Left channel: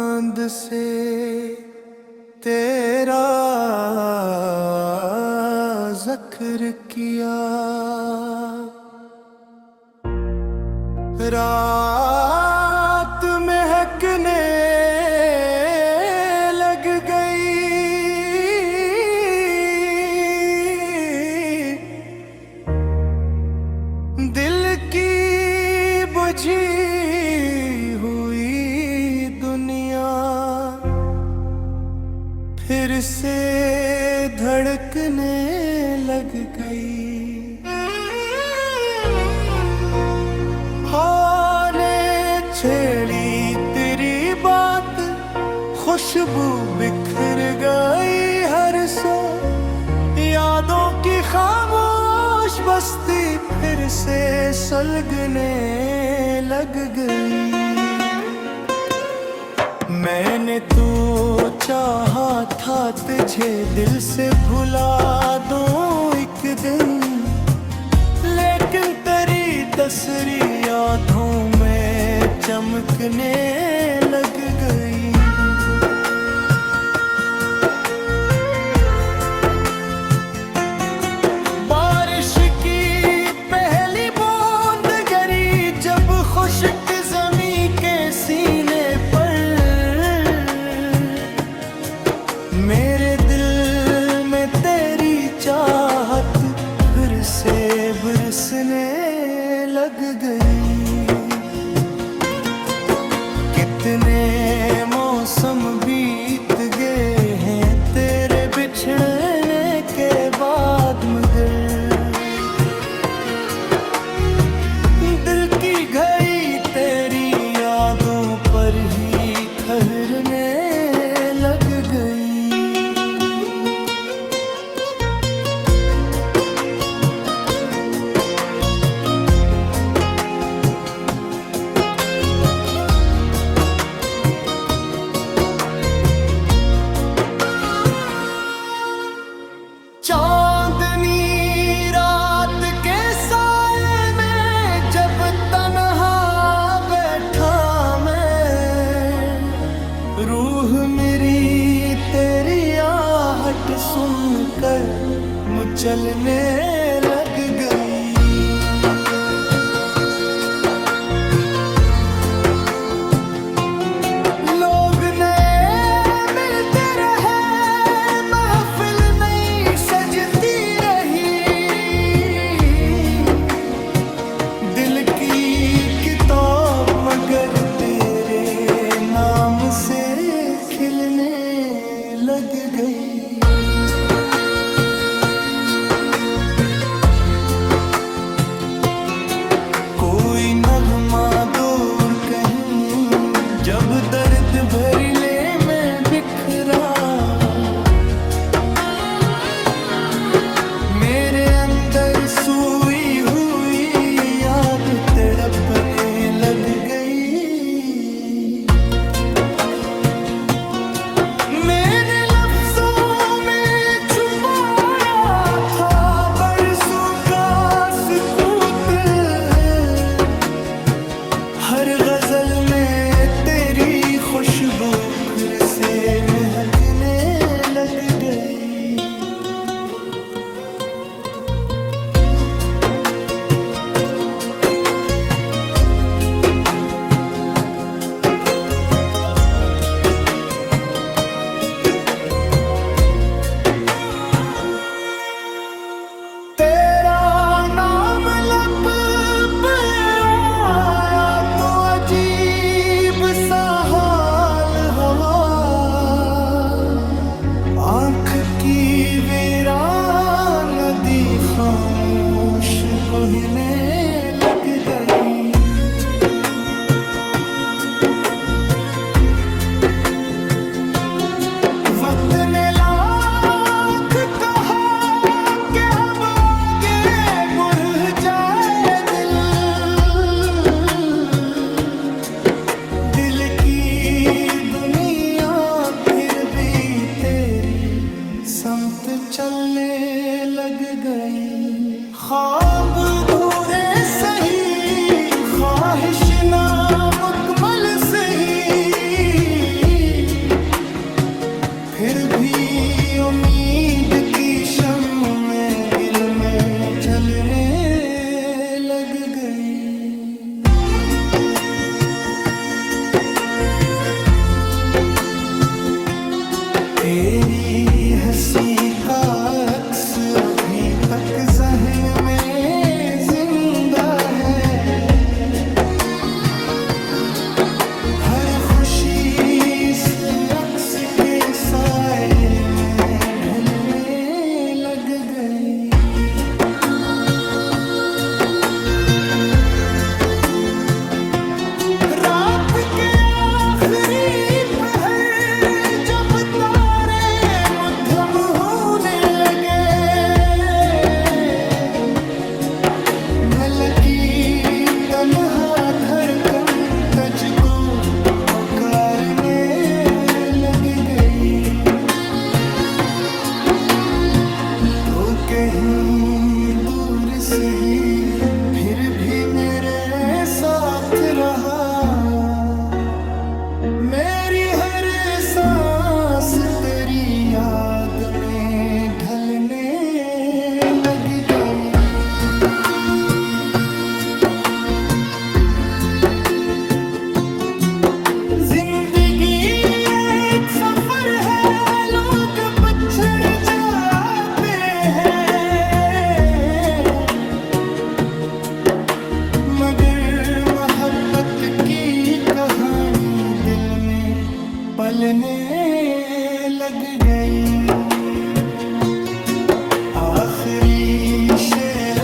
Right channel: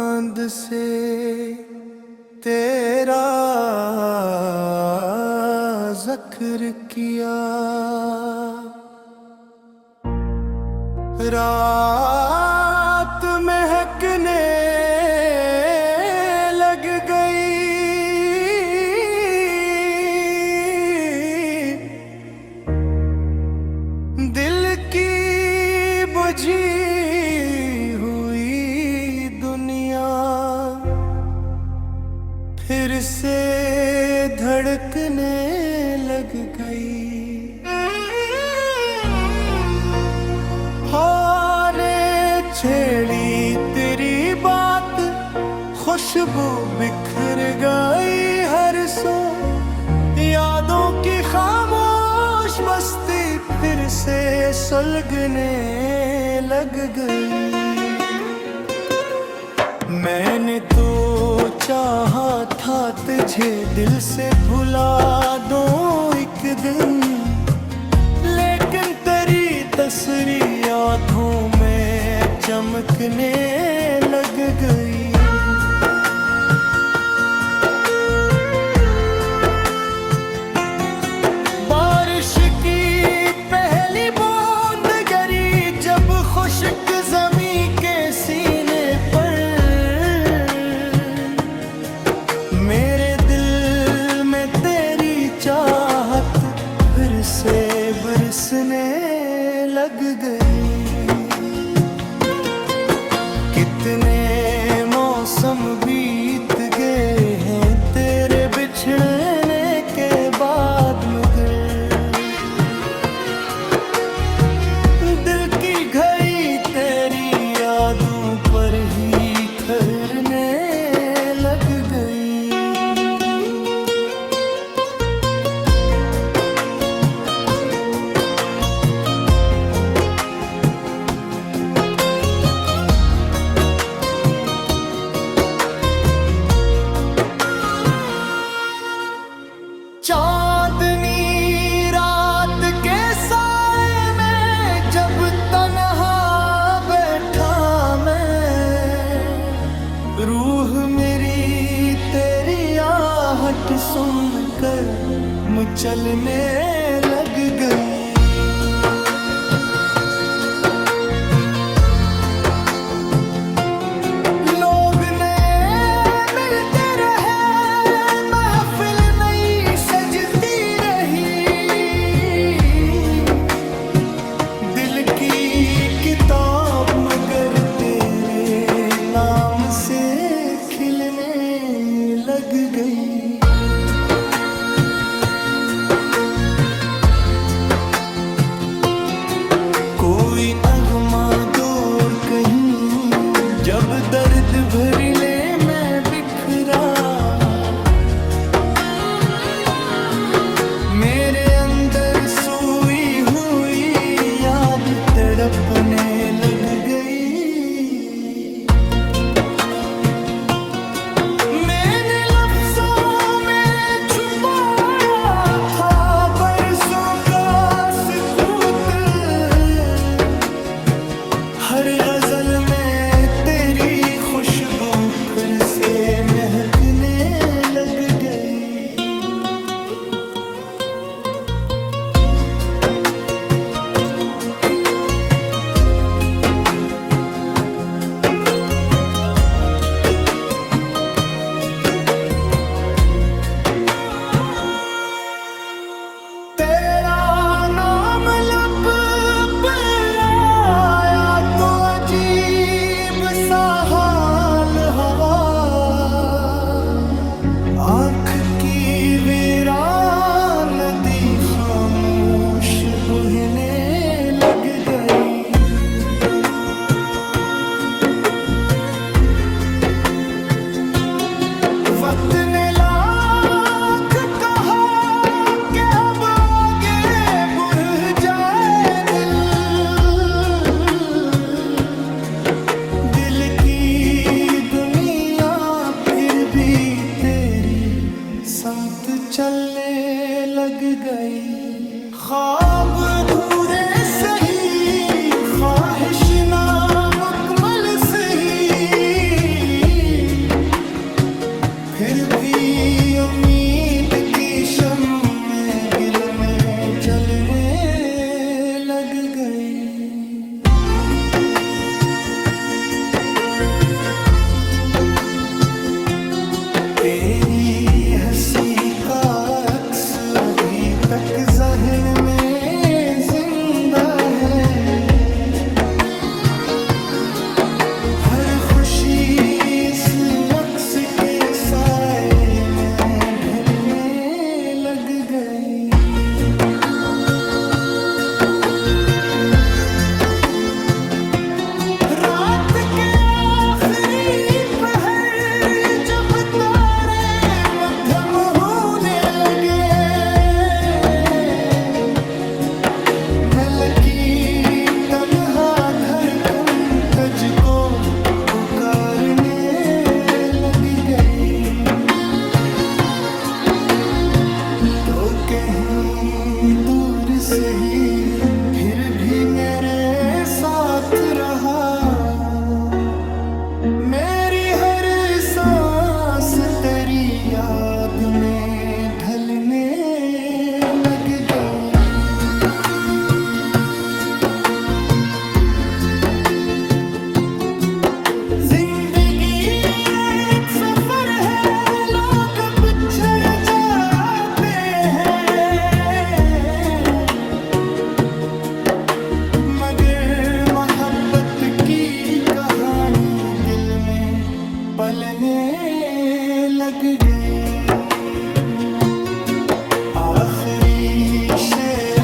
चांद से तेरा ज़िक्र किया, रात महकने लग गई, दिल की बुझी फिर से धड़कने लग गई। हाँ ने छेड़ी तेरी बात, खुशबू बिखर गई हर सो, यादों की खामोश बस्ती फिर से सुलगने लग गई। मैंने तो चाहा था तुझे दिल से भुला दूं एक दिन, लेकिन तेरी तस्वीर यादों में चमकने लग गई। बारिश की पहली बूंद गिरी जब खुश्क ज़मीं के सीने पर, मेरे दिल में तेरी चाहत फिर से बरसने लग गई। कितने मौसम बीत गए हैं तेरे बिछड़ने के बाद, मगर दिल की घड़ी तेरी यादों पर ही ठहरने लग गई। चांदनी रात के साए में जब तन्हा बैठा मैं, रूह मेरी तेरी आहट सुनकर मचलने लग गई। किताब मगर तेरे नाम से खिलने लग गई। कोई नगमा दूर कहीं जब दर्द भरिले में बिखरा, मेरे अंदर सोई हुई याद तड़पने लग गई। मैंने लफ्जों में छुपाया था बरसों का सुकूत, हर गजल में तेरी खुशबू फिर से महकने लग गई। आँख की वीरान नदी खामोश बहने लग गई। वक्त ने ला चलने लग गई। ख्वाब अधूरे सही, ख्वाहिश नामुकम्मल सही, फिर भी उम्मीद की शम्में गिल में चलने लग गई। तेरी हंसी का अक्स अभी तक ज़हन में जिंदा है। हर खुशी इस अक्स के साए में ढलने लग गई। रात के आखिरी पहर जब तारे मध्यम होने लगे, मैं लकी तन्हा धड़कन तुझको पुकारने लग गई। तो कहीं दूर सही फिर भी मेरे साथ रहा। मेरी हर सांस तेरी याद में ढलने लग गई। जिंदगी एक सफर है, लोग बिछड़ जाते हैं, मगर मोहब्बत की कहानी दिल में पलने लग गई। आखिरी शेर